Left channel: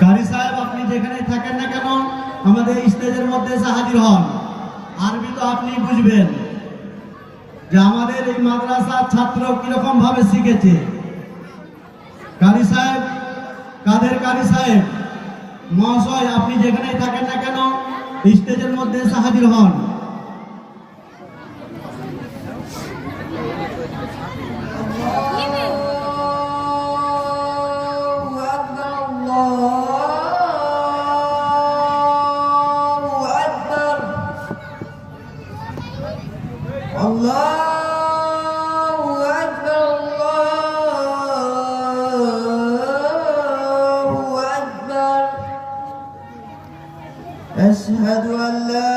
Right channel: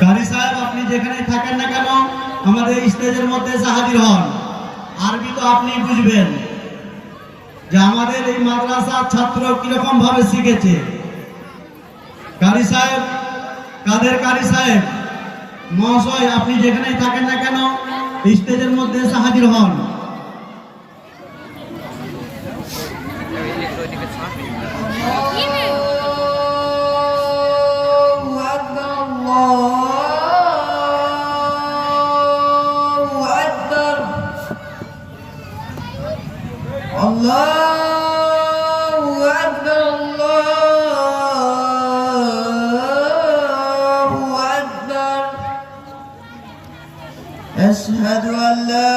কারি সাহেব, আপনি যেখানে থাকেন না কেন আমাদের স্টেজের মধ্যে এসে হাজির হন। আরবি তো আপনি বুঝবেন যে আমাদের এই মাদ্রাসার ছাত্র কিরকম ভাবে শিখেছে। কারি সাহেব, কাদের কারি সাহেব মহাশয়, আপনি যেখানেই থাকেন না কেন স্টেজের মধ্যে এসে হাজির হন। Allahu Akbar, Allahu Akbar. Ashhadu an la